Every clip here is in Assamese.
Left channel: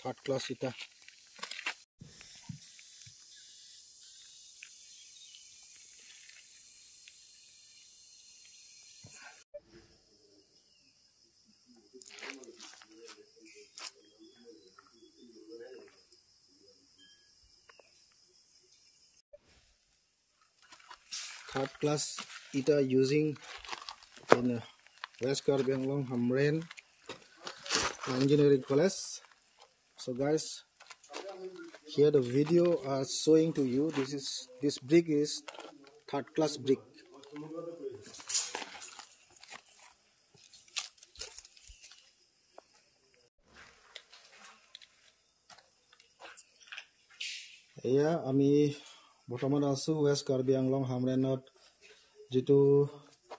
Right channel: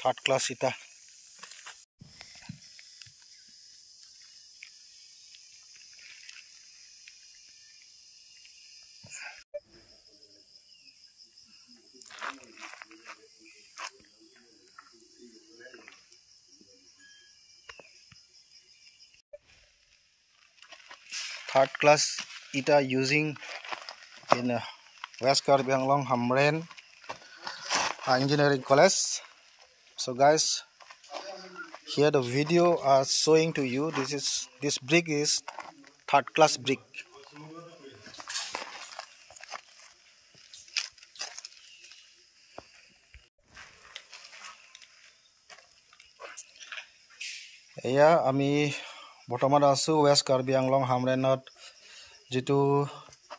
থার্ড ক্লাস ইটা third class ita using in West Karbi Anglong Hamren Engineering College. So guys, here the video are showing to you this brick is third class brick. এয়া আমি বৰ্তমান আছো West Karbi Anglong Hamrenot যেটো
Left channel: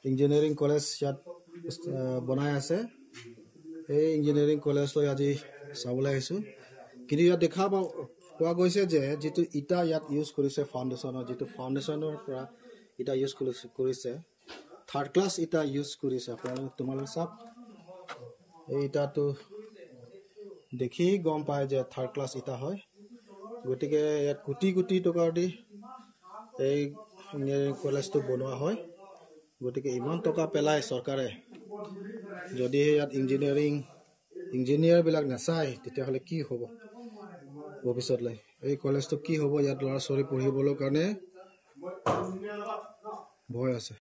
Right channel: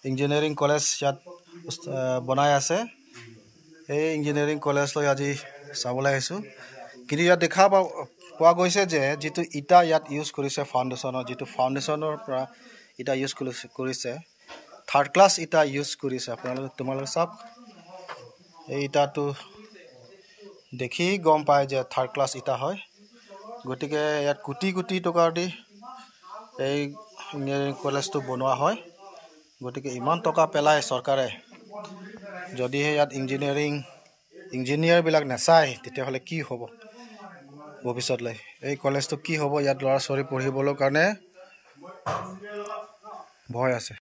ইঞ্জিনিয়াৰিং কলেজ ইয়াত বনাই আছে এই ইঞ্জিনিয়াৰিং কলেজ লৈ আজি চাবলৈ আহিছো কিন্তু ইয়াত দেখা পোৱা গৈছে যে যেটো ইটা ইয়াত ইউজ কৰিছে ফাউন্ডেশনৰ যেটো ফাউন্ডেশনৰ পৰা ইটা ইউজ কৰিছে থাৰ্ড ক্লাছ ইটা ইউজ কৰিছে তোমালোকে সব এই ইটাটো দেখি গম পায় যে থাৰ্ড ক্লাছ ইটা হয় গটিকে ইয়াত কোটি কোটি টকা দি এই ইঞ্জিনিয়াৰিং কলেজটো বনোৱা হয় গটিকে ইমান টকা পেলাই সৰকাৰে যদি ইয়াত ইঞ্জিনিয়াৰ বিলাক নাচায় তেতিয়া হলে কি হ'ব ভৱিষ্যতলৈ এই কলেজটো কি হ'ব ইয়াত ল'ৰা ছোৱালী পঢ়িবলৈ কাৰণে ভয় আছে।